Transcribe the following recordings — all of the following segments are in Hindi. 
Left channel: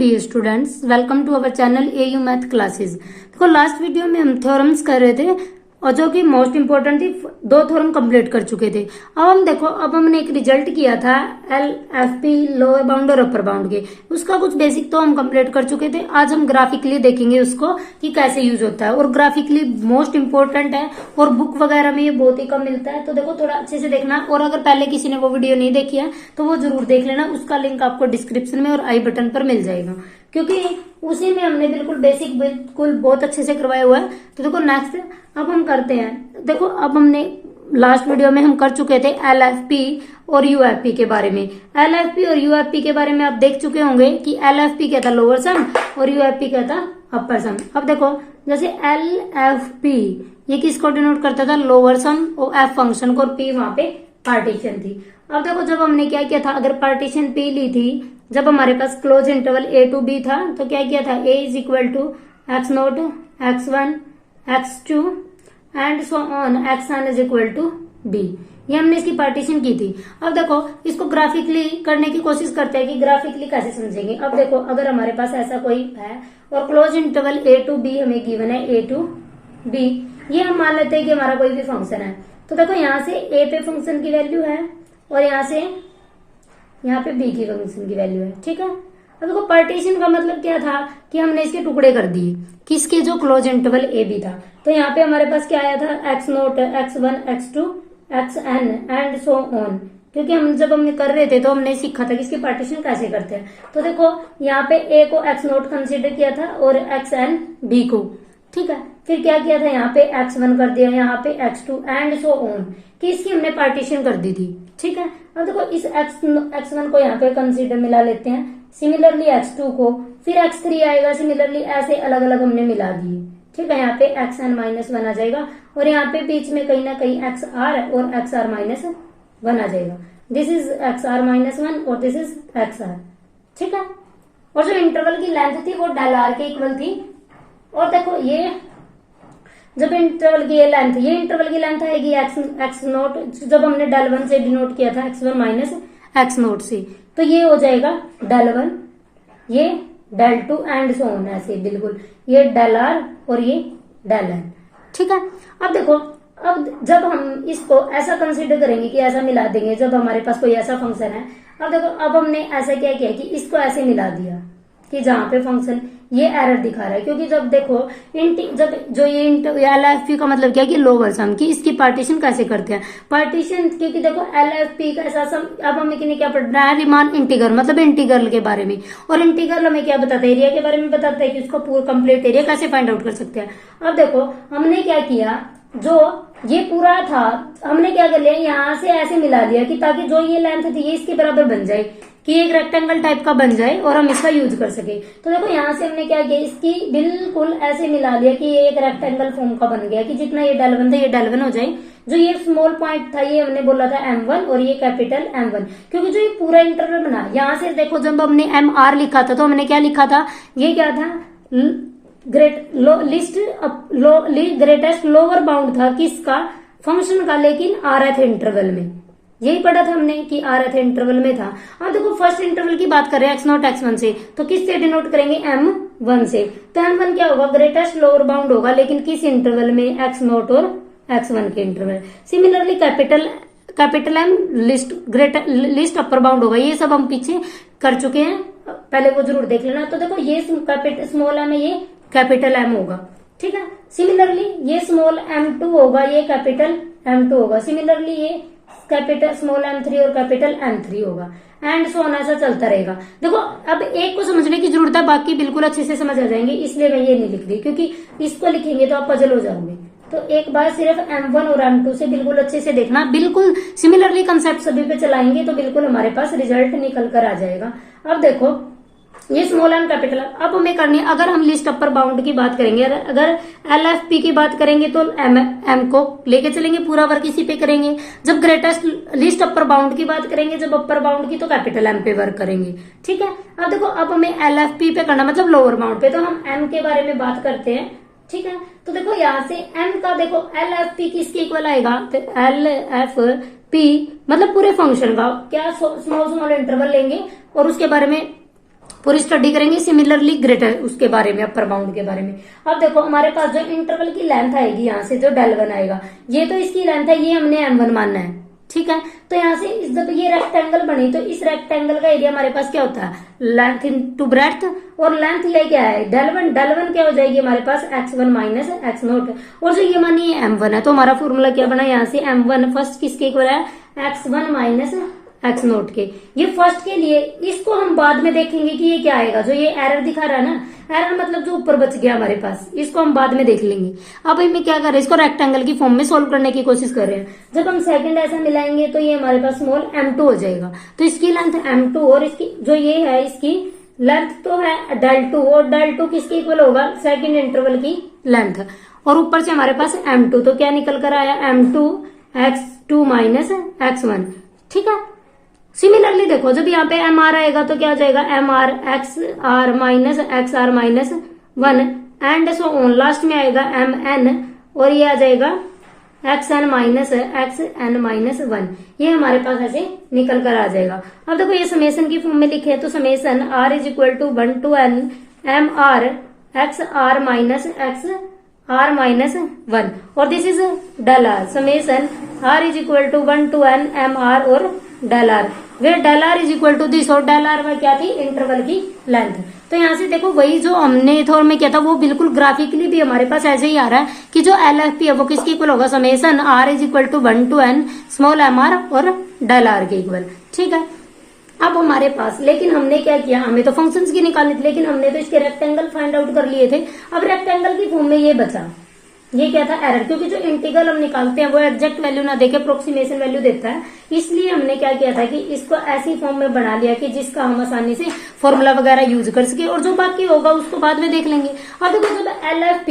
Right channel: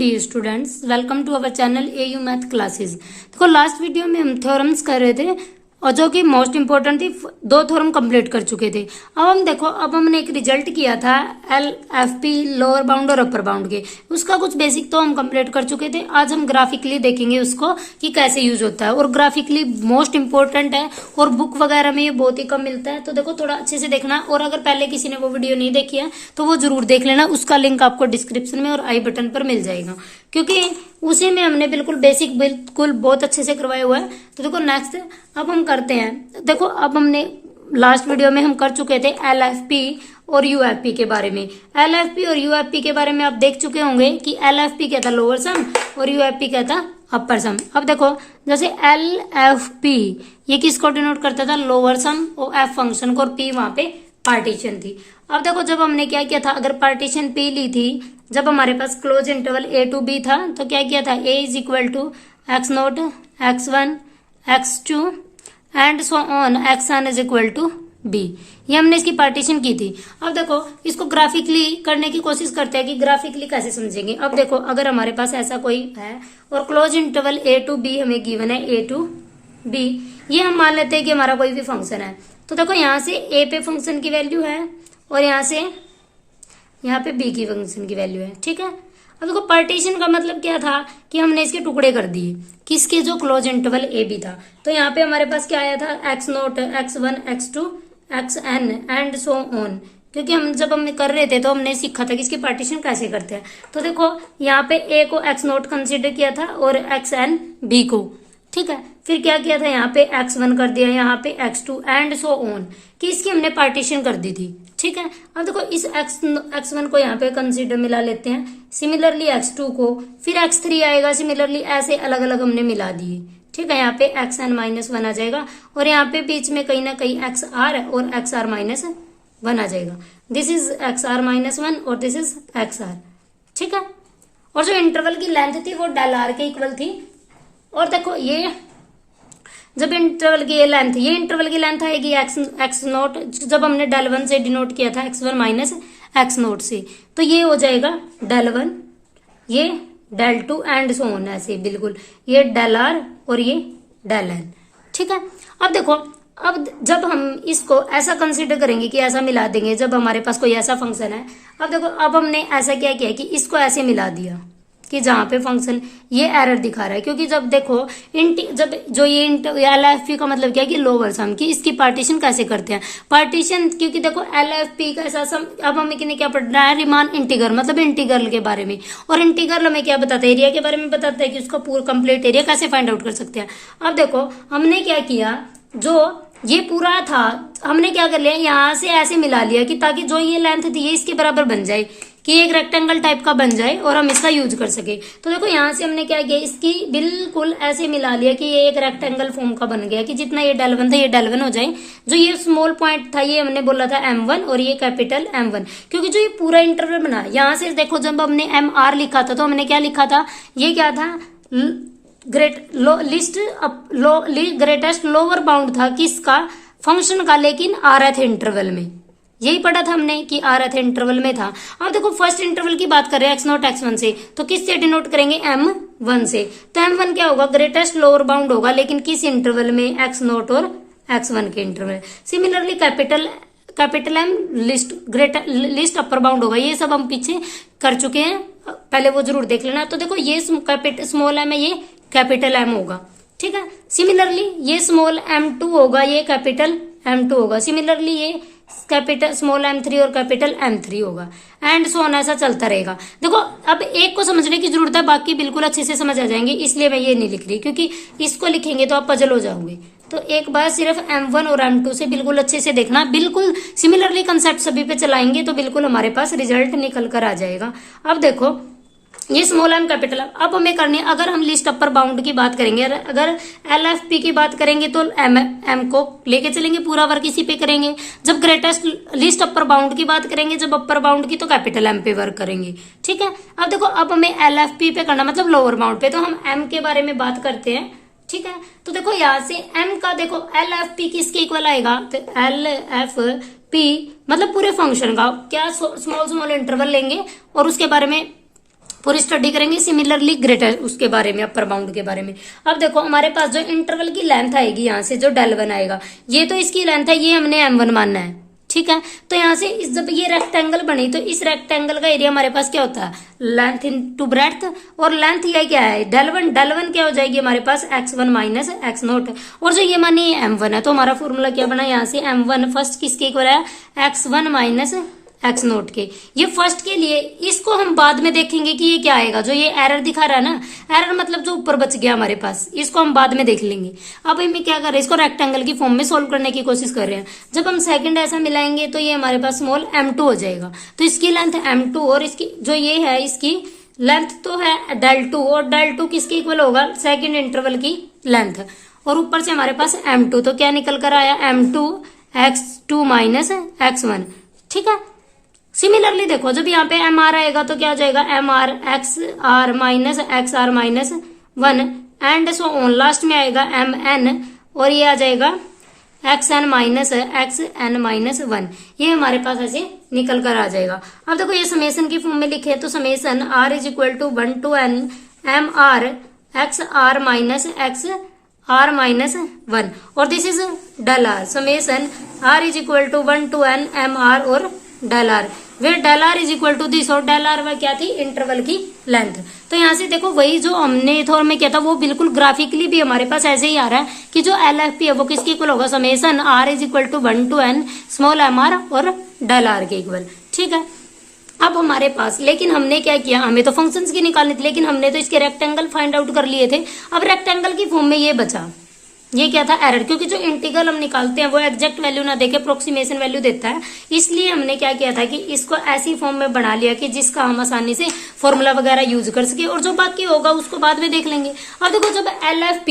Dear students, welcome to our channel AU math classes. देखो लास्ट वीडियो में हम थ्योरम्स कर रहे थे और जो कि मोस्ट इंपोर्टेंट थी, 2 थ्योरम कंप्लीट कर चुके थे। अब हम देखो, अब हमने एक रिजल्ट किया था L F P lower bound और अपर बाउंड के, उसका कुछ बेसिक तो हम कंप्लीट कर चुके थे। आज हम ग्राफिकली देखेंगे उसको कि कैसे यूज होता है, और ग्राफिकली मोस्ट इंपोर्टेंट है और बुक वगैरह में ये बहुत ही कम मिलता है। तो देखो थोड़ा अच्छे से देखना, और अगर पहले किसी ने वो वीडियो नहीं देखी है तो वो जरूर देख लेना, उसका लिंक आपको डिस्क्रिप्शन में और आई बटन पर मिल जाएगा, क्योंकि उसी में हमने बिल्कुल बेसिक बिल्कुल बहुत अच्छे से करवाया हुआ है। तो देखो नेक्स्ट अब हम करते हैं। देखो अब हमने लास्ट वीडियो में हम कर चुके थे एल एफ पी और यू एफ पी के बारे में। एल एफ पी और यू एफ पी के बारे में आप देख चुके होंगे कि एल एफ पी क्या था, लोअर सम, और यू एफ पी क्या था, अपर सम। अब देखो जैसे एल एफ पी ये किसको डिनोट करता था, लोअर सम और एफ फंक्शन को, और पी वहां पे पार्टीशन थी। अब देखो जब हमने क्या किया था, अगर पार्टीशन पी ली थी, जब हमारे पास close interval A to B था, तो क्या किया था, A is equal to X naught X one X two and so on X N is equal to B. ये हमने इसकी पार्टीशन की थी। अब देखो इसको ग्राफिकली करने की कोशिश करते हैं कि ग्राफिकली कैसे समझेंगे। अब देखो अगर हमारे पास ऐसा कोई है और close interval A to B हमें गिवन है, ए टू बी, ये हम मान लेते हैं कि हमारा कोई भी फंक्शन है। तो देखो यहाँ से ए पे फंक्शन की वैल्यू है और यहाँ पे बी की फंक्शन की वैल्यू है, ठीक है। अब देखो पार्टीशन का मतलब क्या था कि हमने इसके टुकड़े कर दिए, किसके, जो क्लोज इंटरवल ए बी था। तो यहाँ पे हमारे पास क्या आया था, X naught X one X two X N and so on, क्योंकि हम जब हमने कर रहे थे तो हमने सीखा था कि इसकी पार्टीशन कैसे करते हैं। तो देखो यहाँ पे ए को एक्स नोट कंसिडर किया था और एक्स एन बी को, ठीक है। फिर क्या किया था, यहाँ पे x1 कर दिया, यहाँ पे x2 एंड सो ऑन, कि इसकी हमने पार्टीशन कर दी थी, ठीक है। अब देखो इस x1 को यहाँ पे कंसीडर मिला लेते हैं, सिमिलरली x2 को, फिर x3 आएगा, सिमिलरली ऐसे अलग अलग हमने मिला दिए, ठीक है। यहाँ पे xn माइनस 1 आ जाएगा और यहाँ पे बीच में कहीं ना कहीं xr और xr माइनस 1 आ जाएगा। दिस इज xr माइनस 1 और दिस इज xr, ठीक है। और जो इंटरवल की लेंथ थी वो डेल आर के इक्वल थी। और देखो ये जब इंटरवल की लेंथ, ये इंटरवल की लेंथ आएगी एक्स नोट, जब हमने डेल वन से डिनोट किया था x1 माइनस एक्स नोट से, तो ये हो जाएगा डेल वन, ये del two and so on, ऐसे बिल्कुल ये डेल आर और ये डेल एन, ठीक है। अब देखो अब जब हम इसको ऐसा कंसिडर करेंगे कि ऐसा मिला देंगे, जब हमारे पास कोई ऐसा फंक्शन है। अब देखो अब हमने ऐसा क्या किया कि इसको ऐसे मिला दिया कि जहां पे फंक्शन ये एरर दिखा रहा है, क्योंकि जब देखो जब जो ये एल एफ पी का मतलब क्या है कि लोअर सम की, इसकी पार्टीशन कैसे करते हैं, पार्टीशन, क्योंकि देखो एल एफ पी का ऐसा सम, अब हमें किन्हें क्या पढ़ना है, रिमान इंटीग्रल, मतलब इंटीग्रल के बारे में। और इंटीग्रल हमें क्या बताता है, एरिया के बारे में बताता है कि उसका पूरा कंप्लीट एरिया कैसे फाइंड आउट कर सकते हैं। अब देखो हमने क्या किया, जो ये पूरा था हमने क्या कर लिया, यहाँ से ऐसे मिला लिया कि ताकि जो ये लेंथ थी ये इसके बराबर बन जाए, कि एक रेक्टेंगल टाइप का बन जाए और हम इसका यूज कर सके। तो देखो यहाँ से हमने क्या किया, इसकी बिल्कुल ऐसे मिला लिया कि ये एक रेक्टेंगल फॉर्म का बन गया, कि जितना ये डेल वन था ये डेल वन हो जाए। जो ये स्मॉल पॉइंट था ये हमने बोला था M1 और ये कैपिटल M1, क्योंकि जो ये पूरा इंटरवल बना, यहाँ से देखो जब हमने MR लिखा था तो हमने क्या लिखा था, ये क्या था, ग्रेटेस्ट लोअर बाउंड था किसका, फंक्शन का, लेकिन rth इंटरवल में, यही पढ़ा था हमने कि rth इंटरवल में था। अब देखो फर्स्ट इंटरवल की बात कर रहे हैं x नोट x1 से, तो किस से डिनोट करेंगे, M1 से। तो M1 क्या होगा, ग्रेटेस्ट लोअर बाउंड होगा, लेकिन किस इंटरवल में, x नोट और x1 के interval. Similarly capital M list upper bound होगा। ये सब हम पीछे कर चुके हैं, पहले वो जरूर देख लेना। तो देखो ये स्मॉल m है, ये कैपिटल M होगा, ठीक है। सिमिलरली ये स्मॉल m2 होगा, ये कैपिटल M2 होगा। सिमिलरली ये कैपिटल स्मॉल m3 और कैपिटल M3 होगा, एंड सो ऑन, ऐसा चलता रहेगा। देखो अब एक को समझने की जरूरत है, बाकी बिल्कुल अच्छे से समझ आ जाएंगे, इसलिए मैं ये नहीं लिख रही, क्योंकि इसको लिखेंगे तो आप पजल हो जाओगे। तो एक बार सिर्फ M1 और M2 से बिल्कुल अच्छे से देखना, बिल्कुल सिमिलरली कंसेप्ट सभी पे चलाएंगे तो बिल्कुल हमारे पास रिजल्ट निकल कर आ जाएगा। अब देखो ये स्मॉल एम कैपिटल, अब हमें करनी है, अगर हम लिस्ट अपर बाउंड की बात करेंगे, अगर एल एफ पी की बात करेंगे तो एम को लेके चलेंगे, पूरा वर्क इसी पे करेंगे। जब ग्रेटेस्ट लिस्ट अपर बाउंड की बात करेंगे, जब अपर बाउंड की, तो कैपिटल एम पे वर्क करेंगे, ठीक है। अब देखो अब हमें एल एफ पी पे करना, मतलब लोअर बाउंड पे, तो हम एम के बारे में बात करते हैं, ठीक है। तो देखो यहाँ से एम का देखो एल एफ पी किसके इक्वल आएगा, तो एल एफ पी मतलब पूरे फंक्शन का क्या, स्मॉल स्मॉल इंटरवल लेंगे और उसके बारे में पूरी स्टडी करेंगे सिमिलरली ग्रेटर उसके बारे में, अपर बाउंड के बारे में। अब देखो हमारे पास जो इंटरवल की लेंथ आएगी यहाँ से जो del1 आएगा, ये तो इसकी लेंथ है, ये हमने m1 मानना है, ठीक है। तो यहाँ से जब ये रेक्टेंगल बनी तो इस रेक्टेंगल का एरिया हमारे पास क्या होता है, लेंथ इनटू ब्रेड्थ, और लेंथ ये क्या है del1 क्या हो जाएगी हमारे पास x1 माइनस x0, और जो ये मानी m1 है तो हमारा फॉर्मूला क्या बना यहाँ से m1 फर्स्ट किसके इक्वल है x1 माइनस x0 के, ये फर्स्ट के लिए। इसको हम बाद में देखेंगे कि ये क्या आएगा, जो ये एरर दिखा रहा है ना, एरर मतलब जो ऊपर बच गया हमारे पास, इसको हम बाद में देख लेंगे। अब हमें क्या कर रहे हैं, इसको रेक्टेंगल की फॉर्म में सोल्व करने की कोशिश कर रहे हैं। जब हम सेकंड ऐसा मिलाएंगे तो ये हमारे पास स्मॉल m2 हो जाएगा, तो इसकी लेंथ m2 और इसकी जो ये है इसकी लेंथ तो है del2, और del2 किसके इक्वल होगा, सेकेंड इंटरवल की लेंथ, और ऊपर से हमारे पास m2, तो क्या निकल कर आया m2 x2 माइनस x1, ठीक है। सिमिलरली देखो जब यहाँ पे एम आर आएगा तो क्या हो जाएगा, M R X R minus 1 and so on, last में आएगा एम एन, और ये आ जाएगा एक्स एन माइनस 1, ये हमारे पास ऐसे निकल कर आ जाएगा। अब देखो ये समेसन की फॉर्म में लिखे तो summation R is equal to 1 to n M R X R minus 1, और this is del r, summation R is equal to 1 to n M R और del r, वे del r is equal to this, और del r क्या थी, इंटरवल की लेंथ। तो यहाँ से देखो वही जो हमने थोड़ा में किया था वो बिल्कुल ग्राफिकली भी हमारे पास ऐसे ही आ रहा है कि जो LFP है वो किसके इक्वल होगा, summation r is equal to 1 to n small mr और del r के इक्वल, ठीक है। अब हमारे पास लेकिन हमने क्या किया, हमें तो फंक्शंस की निकालनी थी, लेकिन हमने तो इसके रेक्टेंगल फाइंड आउट कर लिए थे। अब रेक्टेंगल की फॉर्म में ये बचा, ये क्या था, एरर, क्योंकि जो इंटीग्रल हम निकालते हैं वो एग्जैक्ट वैल्यू ना देके अप्रोक्सीमेशन वैल्यू देता है, इसलिए हमने क्या किया था कि इसको ऐसी फॉर्म में बना लिया कि जिसका हम आसानी से फॉर्मूला वगैरह यूज कर सके, और जो बाकी होगा उसको बाद में देख लेंगे। अब देखो जब LFP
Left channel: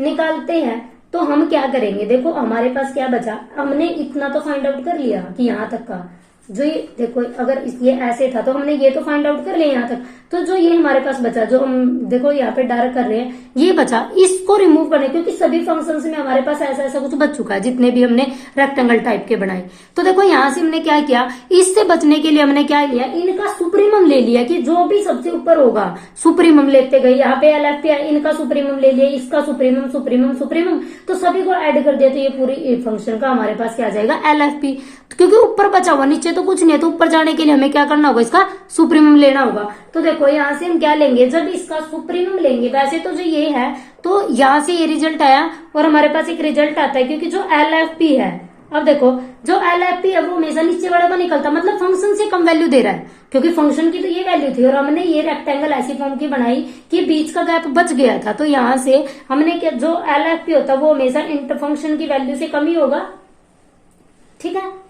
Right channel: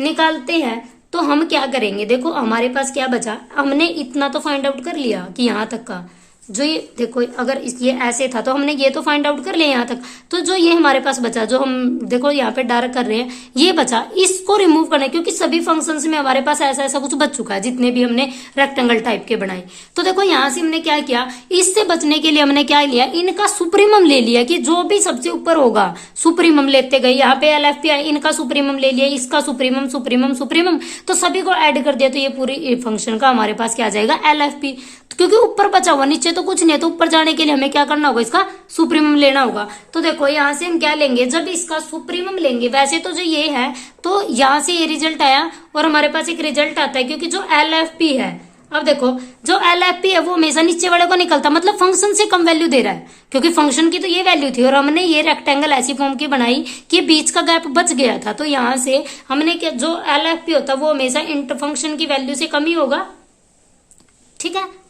निकालते हैं तो हम क्या करेंगे, देखो हमारे पास क्या बचा, हमने इतना तो फाइंड आउट कर लिया कि यहाँ तक का, जो ये देखो अगर ये ऐसे था तो हमने ये तो फाइंड आउट कर लिया यहाँ तक, तो जो ये हमारे पास बचा, जो हम देखो यहाँ पे डार्क कर रहे हैं, ये बचा, इसको रिमूव करना, क्योंकि सभी फंक्शंस में हमारे पास ऐसा ऐसा कुछ बच चुका है जितने भी हमने रेक्टेंगल टाइप के बनाए। तो देखो यहाँ से हमने क्या किया, इससे बचने के लिए हमने क्या लिया, इनका सुप्रीमम ले लिया, कि जो भी सबसे ऊपर होगा सुप्रीमम लेते गए। यहाँ पे LFP है, इनका सुप्रीमम ले लिया, इसका सुप्रीमम सुप्रीमम सुप्रीमम, तो सभी को ऐड कर दिया, तो ये पूरी फंक्शन का हमारे पास क्या आ जाएगा, LFP, क्योंकि ऊपर बचा हुआ, नीचे तो कुछ नहीं है, तो ऊपर जाने के लिए हमें क्या करना होगा, इसका सुप्रीमम लेना होगा। तो देखो यहाँ से हम क्या लेंगे, जब इसका सुप्रीमम लेंगे, वैसे तो जो ये है तो यहाँ से ये रिजल्ट आया और हमारे पास एक रिजल्ट आता है, क्योंकि जो LFP है, अब देखो जो LFP है वो हमेशा नीचे वाले को निकलता, मतलब फंक्शन से कम वैल्यू दे रहा है, क्योंकि फंक्शन की तो ये वैल्यू थी और हमने ये रेक्टेंगल ऐसी फॉर्म की बनाई कि बीच का गैप बच गया था। तो यहाँ से हमने क्या, जो LFP होता है वो हमेशा इंटर फंक्शन की वैल्यू से कम ही होगा, ठीक है।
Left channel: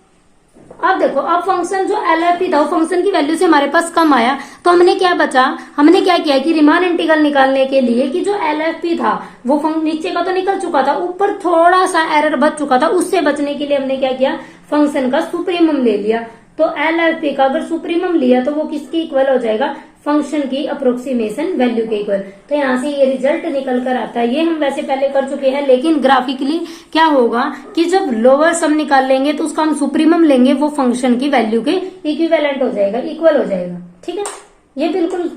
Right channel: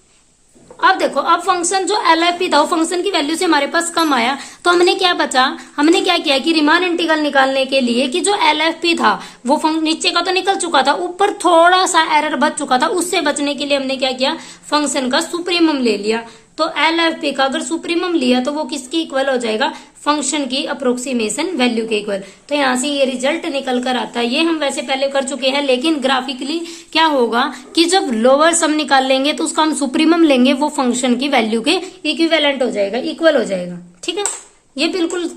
अब देखो अब फंक्शन जो LFP था वो फंक्शन की वैल्यू से हमारे पास कम आया, तो हमने क्या बचा, हमने क्या किया कि रीमान इंटीग्रल निकालने के लिए कि जो LFP था वो नीचे का तो निकल चुका था, ऊपर थोड़ा सा एरर बच चुका था, उससे बचने के लिए हमने क्या किया, फंक्शन का सुप्रीमम ले लिया। तो LFP का अगर सुप्रीमम लिया तो वो किसके इक्वल हो जाएगा, फंक्शन की अप्रोक्सीमेशन वैल्यू के इक्वल। तो यहाँ से ये रिजल्ट निकल कर आता है। ये हम वैसे पहले कर चुके हैं, लेकिन ग्राफिकली क्या होगा कि जब लोअर सम निकाल लेंगे तो उसका हम सुप्रीमम लेंगे, वो फंक्शन की वैल्यू के इक्विवेलेंट हो जाएगा, इक्वल हो जाएगा, ठीक है। ये बिल्कुल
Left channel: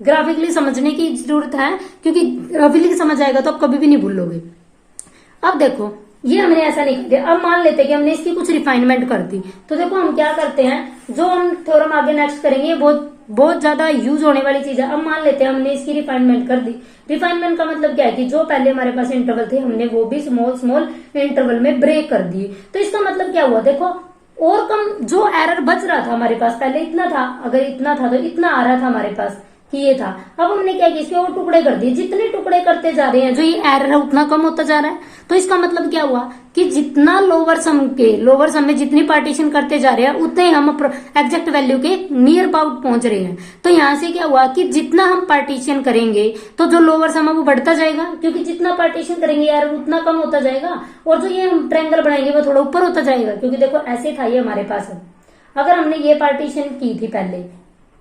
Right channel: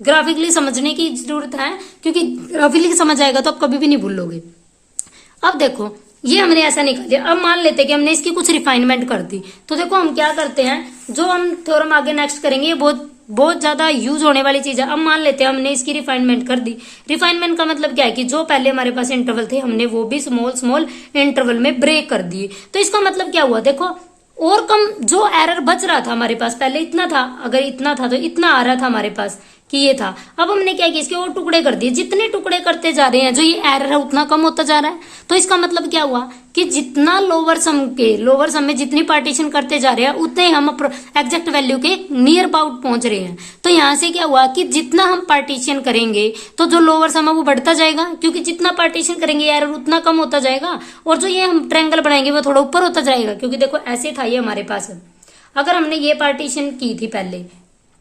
ग्राफिकली समझने की जरूरत है, क्योंकि ग्राफिकली समझ आएगा तो आप कभी भी नहीं भूलोगे। अब देखो ये हमने ऐसा निकाल दिया। अब मान लेते कि हमने इसकी कुछ रिफाइनमेंट कर दी, तो देखो हम क्या करते हैं, जो हम थ्योरम आगे नेक्स्ट करेंगे ये बहुत ज्यादा यूज होने वाली चीज है। अब मान लेते हैं हमने इसकी रिफाइनमेंट कर दी। रिफाइनमेंट का मतलब क्या है कि जो पहले हमारे पास इंटरवल थे हमने वो भी स्मॉल स्मॉल इंटरवल में ब्रेक कर दिए। तो इसका मतलब क्या हुआ, देखो और कम जो एरर बच रहा था हमारे पास, पहले इतना था, अगर इतना था तो इतना आ रहा था हमारे पास कि ये था। अब हमने क्या किया, इसके और टुकड़े कर दिए। जितने टुकड़े करते जा रहे हैं जो ये एरर है उतना कम होता जा रहा है। तो इसका मतलब क्या हुआ कि जितना लोअर सम में जितनी पार्टीशन करते जा रहे हैं उतने हम एग्जैक्ट वैल्यू के नियर अबाउट पहुंच रहे हैं। तो यहाँ से क्या हुआ कि जितना हम पार्टीशन करेंगे तो जो लोअर सम है वो बढ़ता जाएगा, क्योंकि जितना पार्टीशन करेंगे एरर उतना कम होता जाएगा, और जो ये हम ट्रायंगल बनाएंगे वो थोड़ा ऊपर होता जाएगा। क्योंकि देखो ऐसे था ये हमारे पास, अगर हमने ये पार्टीशन की थी पहले,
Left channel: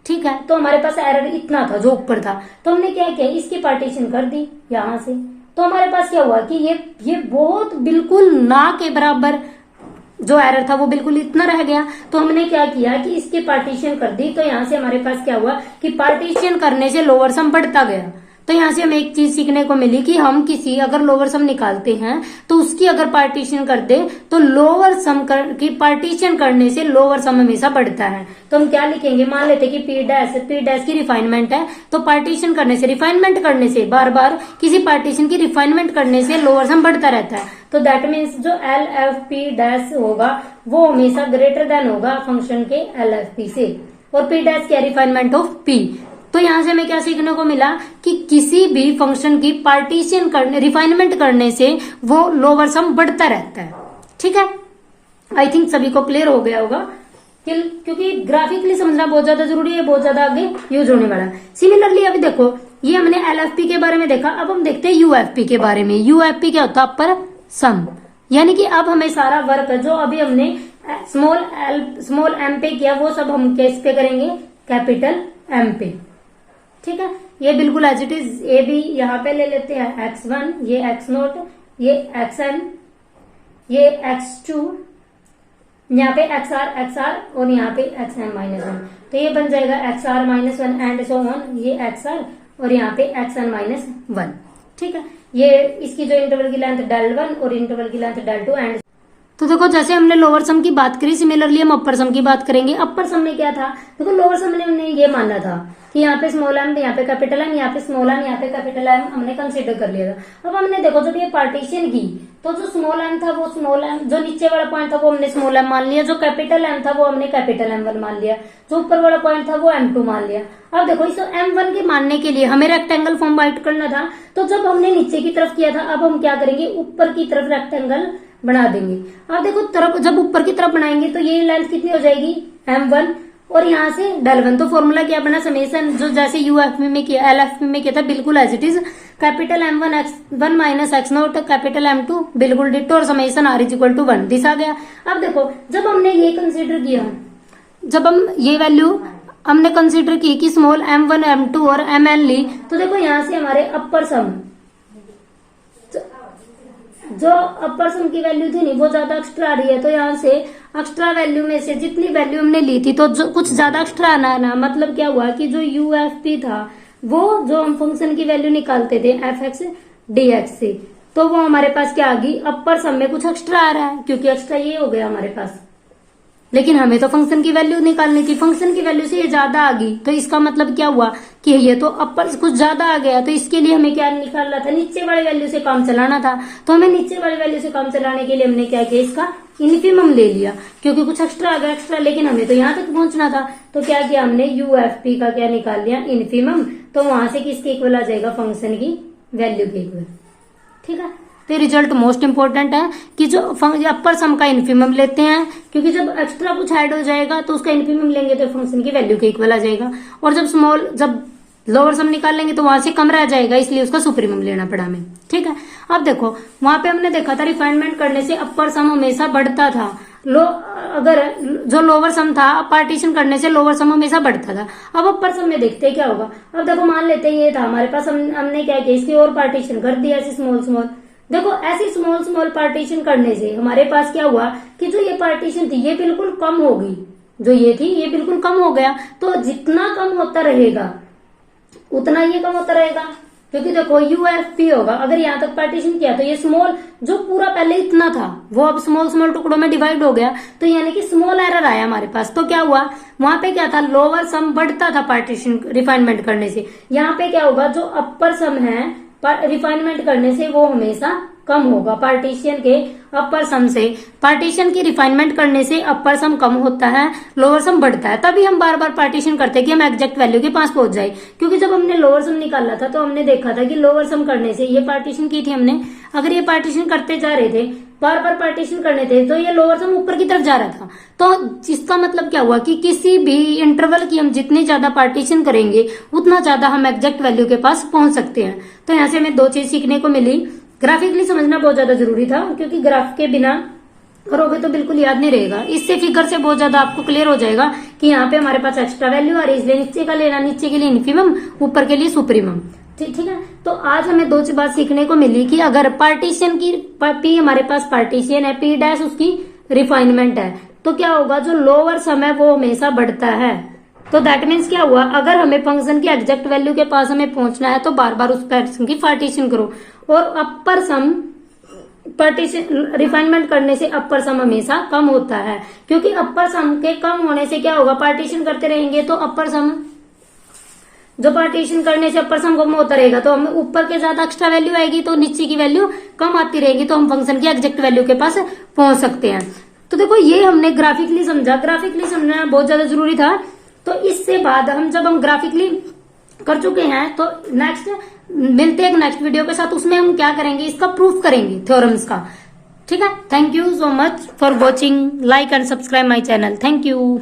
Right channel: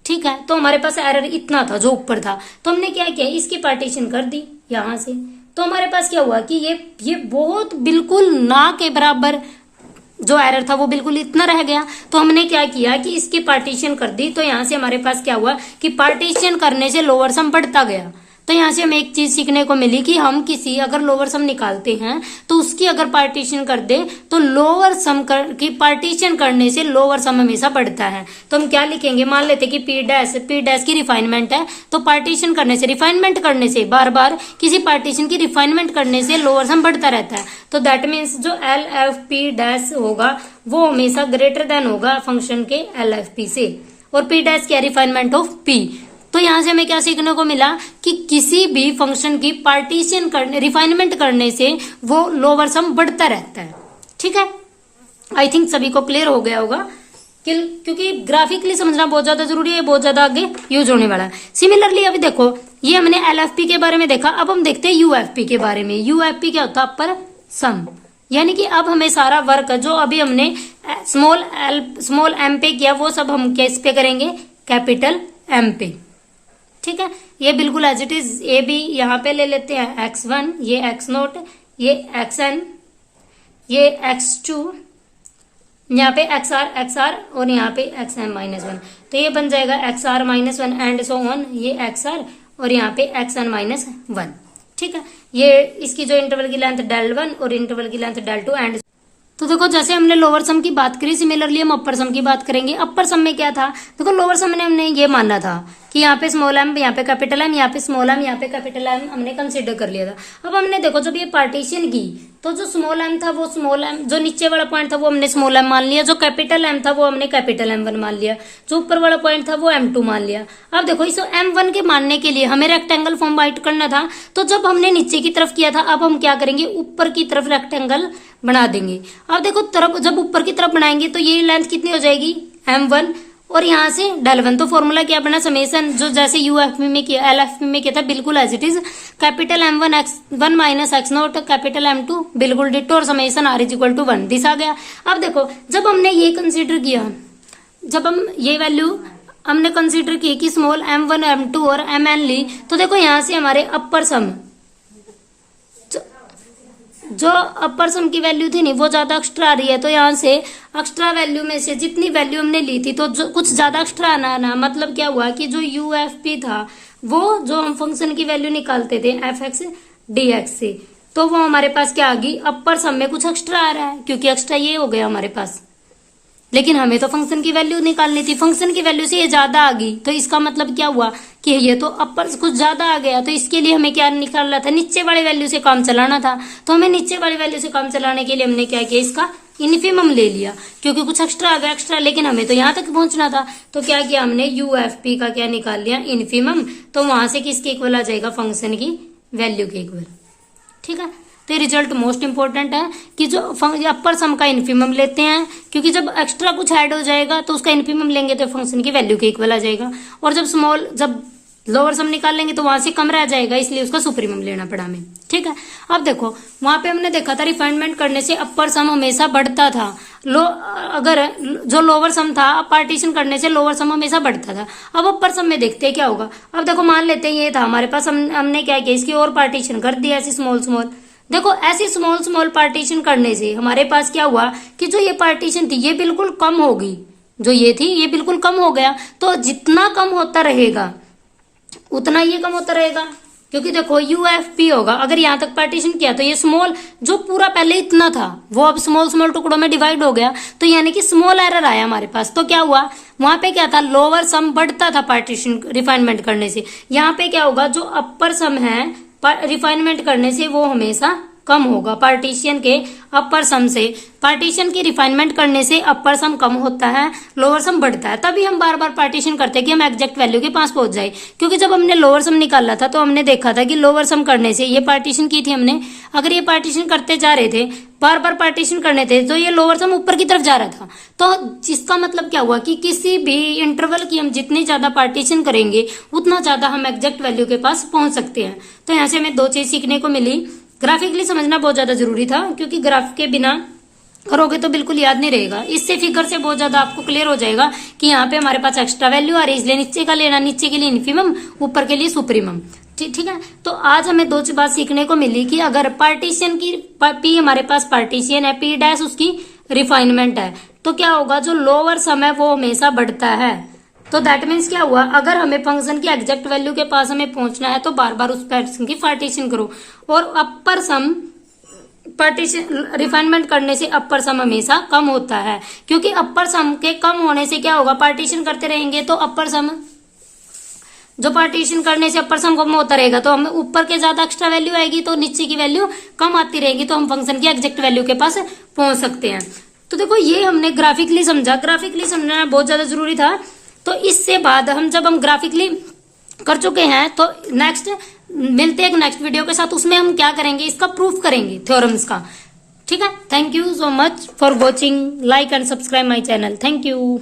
ठीक है, तो हमारे पास एरर इतना था जो ऊपर था, तो हमने क्या किया, इसकी पार्टीशन कर दी यहां से। तो हमारे पास क्या हुआ कि ये बहुत बिल्कुल ना के बराबर जो एरर था वो बिल्कुल इतना रह गया। तो हमने क्या किया कि इसकी पार्टीशन कर दी। तो यहां से हमारे पास क्या हुआ कि पार्टीशन करने से लोअर सम बढ़ता गया। तो यहां से हमें एक चीज सीखने को मिली कि हम किसी अगर लोअर सम निकालते हैं तो उसकी अगर पार्टीशन कर दे तो लोअर सम की पार्टीशन करने से लोअर सम हमेशा बढ़ता है। तो हम क्या लिखेंगे, मान लेते कि पी डैश की रिफाइनमेंट है, तो पार्टीशन करने से, रिफाइनमेंट करने से, बार बार किसी पार्टीशन की रिफाइनमेंट करने से लोअर सम बढ़ता रहता है। तो दैट मीन्स जो एल एफ पी डैश होगा वो हमेशा ग्रेटर देन होगा फंक्शन के एल एफ पी से, और पी डैश क्या, रिफाइनमेंट ऑफ पी। तो यहां से हमें क्या सीखने को मिला कि किसी भी फंक्शन की पार्टीशन करने, रिफाइनमेंट करने से वो लोअर सम बढ़ता रहता है। ठीक है, आई थिंक सभी को क्लियर हो गया होगा, क्योंकि ग्राफिकली समझना बहुत ज्यादा जरूरी है, बहुत ज्यादा आगे यूज होने वाला है। सिमिलरली अभी देखो, ये हमने एलएफपी के बारे में देखा, अब हम देखते हैं यूएफपी के बारे में। यूएफपी क्या होता है, अपर सम, यानी कि अब हमें सारा वर्क जो अभी हमने स्मॉल एम पे किया वो सब हम किस पे करेंगे, कैपिटल एम पे। ठीक है, ये बिल्कुल एज इट इज, ये भी यहाँ पे ले लेते हैं x1, ये x0, ये xn, ये x2, यहाँ पे xr और यहाँ पे xn-1। तो ये बन जाएगा xr-1 एंड सो ऑन, ये xr और यहाँ पे xn-1। ठीक है, ये इसकी जो इंटरवल की लेंथ del1 और इंटरवल की लेंथ del2 एंड। तो देखो जैसे हमने लोअर सम की बात करी, सिमिलरली हम अपर सम की बात करेंगे। अपर सम में क्या था, देखो लोअर सम में हमने ये माना था कि यहाँ पे स्मॉल एम, यहाँ पे कैपिटल एम, यहाँ पे स्मॉल एम, यहाँ पे कैपिटल एम हमने कंसीडर कर लिया था। अब हमने देखो जब ये पार्टीशन की तो जो स्मॉल एम था वो स्मॉल एम, जो नीचे वाला पॉइंट था वो हमने स्मॉल एम मान लिया, जो कैपिटल एम था वो हमने कैपिटल M1 मान लिया, जो ऊपर वाला पॉइंट था वो M2 मान लिया। अब देखो इस M1 के मानने के लिए हमें रेक्टेंगल फॉर्म राइट करना था, तो जब हमने नीचे की तरफ किया था अब हम क्या करेंगे, ऊपर की तरफ रेक्टेंगल बना देंगे। अब देखो तरफ जब ऊपर की तरफ बनाएंगे तो ये लेंथ कितनी हो जाएगी, M1 और यहाँ से del1। तो फॉर्मूला क्या बना, समेशन जो जैसे यूएफपी में किया, एलएफपी में किया था बिल्कुल as it is, capital M1 x1 minus x0 capital M2 बिल्कुल डिटो और summation r is equal to 1 this आ गया। अब देखो जब हमने ये कंसीडर किया, जब हम ये वैल्यू हमने कंसीडर की कि स्मॉल M1 M2 और Mn ली, तो देखो यहाँ से हमारे अपर सम, जो अपर सम की वैल्यू थी नहीं वो ज्यादा एक्स्ट्रा आ रही है। तो यहाँ से एक्स्ट्रा वैल्यू में से जितनी वैल्यू हमने ली थी तो जो कुछ ज्यादा एक्स्ट्रा आना, मतलब क्या हुआ कि जो यूएफपी था वो जो हम फंक्शन की वैल्यू निकालते थे एफ एक्स डी एक्स से, तो वो हमारे पास क्या आ गई, अपर सम में कुछ एक्स्ट्रा आ रहा है, क्योंकि एक्स्ट्रा ये हो गया हमारे पास। लेकिन हमें तो फंक्शन की वैल्यू निकालनी थी, फंक्शन की वैल्यू से ये ज्यादा आ गई, तो इसका मतलब क्या हुआ कि ये तो अपर कुछ ज्यादा आ गया। तो इसके लिए हमें क्या निकालना था, नीचे वाली वैल्यू से काम चलाना था। तो हमें नीचे वाली वैल्यू से काम चलाने के लिए हमने क्या किया, इसका इन्फीमम ले लिया, क्योंकि कुछ एक्स्ट्रा आ गया एक्स्ट्रा, लेकिन हमें तो यहाँ तक पहुंचना था। तो क्या किया हमने, यूएफपी का क्या निकाल लिया, इन्फीमम। तो वहां से किसके इक्वल आ जाएगा, फंक्शन की वैल्यू के इक्वल। ठीक है, तो रिजल्ट मोस्ट इंपॉर्टेंट है कि जो अपर सम का इन्फीमम लेते हैं, क्योंकि जब एक्स्ट्रा कुछ ऐड हो जाएगा तो उसका इन्फीमम लेंगे तो फंक्शन की वैल्यू के इक्वल आ जाएगा, और जब लोअर सम निकाल लेंगे तो वहां से कम रह जाएगा, इसलिए उसका सुप्रीमम लेना पड़ा हमें। ठीक है, अब देखो वहां पे हमने देखा था रिफाइनमेंट करने से अपर सम हमेशा बढ़ता था, अगर जो लोअर सम था पार्टीशन करने से लोअर सम हमेशा बढ़ता था। अब अपर सम में देखते हैं क्या होगा। अब देखो मान लेते हैं ये था हमारे पास, हमने क्या किया, इसकी और पार्टीशन कर दिया ऐसी स्मॉल। देखो ऐसी स्मॉल पार्टीशन करने से हमारे पास क्या हुआ कि जो ये पार्टीशन थी ये बिल्कुल कम हो गई, जो ये थी ये बिल्कुल कम हो गया। तो जितना कम होता रहेगा उतना ये कम होता रहेगा, क्योंकि देखो यूएफपी होगा, अगर यहाँ तक पार्टीशन किया तो ये स्मॉल जो पूरा पहले इतना था वो अब स्मॉल टुकड़ों में डिवाइड हो गया, तो यानी कि स्मॉल एरर आया हमारे पास। तो क्या हुआ, वहां पे क्या था, लोअर सम बढ़ता था पार्टीशन रिफाइनमेंट करने से। यहाँ पे क्या होगा, जो अपर सम है रिफाइनमेंट करने से वो हमेशा कम होगा पार्टीशन के अपर सम से। पार्टीशन की रिफाइनमेंट करने से अपर सम कम होता है, लोअर सम बढ़ता है। तभी हम बार बार पार्टीशन करते हैं कि हम एग्जैक्ट वैल्यू के पास पहुंच जाए, क्योंकि जब हमने लोअर सम निकाला था तो हमने देखा था कि लोअर सम करने से ये पार्टीशन की थी हमने, अगर ये पार्टीशन करते जा रहे थे बार बार पार्टीशन करने थे तो ये लोअर सम ऊपर की तरफ जा रहा था। तो इसका मतलब क्या हुआ कि किसी भी इंटरवल की हम जितनी ज्यादा पार्टीशन करेंगे उतना ज्यादा हम एग्जैक्ट वैल्यू के पास पहुंच सकते हैं। तो यहाँ से हमें दो चीज सीखने को मिली, ग्राफिकली समझना बहुत ज्यादा जरूरी था, क्योंकि ग्राफ के बिना करोगे तो बिल्कुल याद नहीं रहेगा। इससे फिगर से बहुत ज्यादा आपको क्लियर हो जाएगा कि यहाँ पे हमारे पास एक्स्ट्रा वैल्यू आ रही है, इसलिए नीचे का लेना, नीचे के लिए इन्फीमम, ऊपर के लिए सुप्रीमम। ठीक है, तो आज हमें दो बात सीखने को मिली कि अगर पार्टीशन की पी हमारे पास पार्टीशन है, पी डैश उसकी रिफाइनमेंट है, तो क्या होगा, जो लोअर सम है वो हमेशा बढ़ता है। तो दैट मीन्स क्या हुआ, अगर हमें फंक्शन की एग्जैक्ट वैल्यू के पास हमें पहुंचना है तो बार बार उस फंक्शन की पार्टीशन करो, और अपर सम पार्टीशन रिफाइनमेंट करने से अपर सम हमेशा कम होता है, क्योंकि अपर सम के कम होने से क्या होगा, पार्टीशन करते रहेंगे तो अपर सम, जो पार्टीशन करने से अपर सम कम होता रहेगा तो हमें ऊपर के ज्यादा एक्स्ट्रा वैल्यू आएगी, तो नीचे की वैल्यू कम आती रहेगी, तो हम फंक्शन की एग्जैक्ट वैल्यू के पास पहुंच सकते हैं। तो देखो ये हमने ग्राफिकली समझा, ग्राफिकली समझना बहुत ज्यादा जरूरी था। तो इससे बाद जब हम ग्राफिकली कर चुके हैं तो नेक्स्ट मिलते हैं एक नेक्स्ट वीडियो के साथ, उसमें हम क्या करेंगे, इसका प्रूफ करेंगे थ्योरम्स का। ठीक है, thank you so much for watching, like and subscribe my channel, thank you.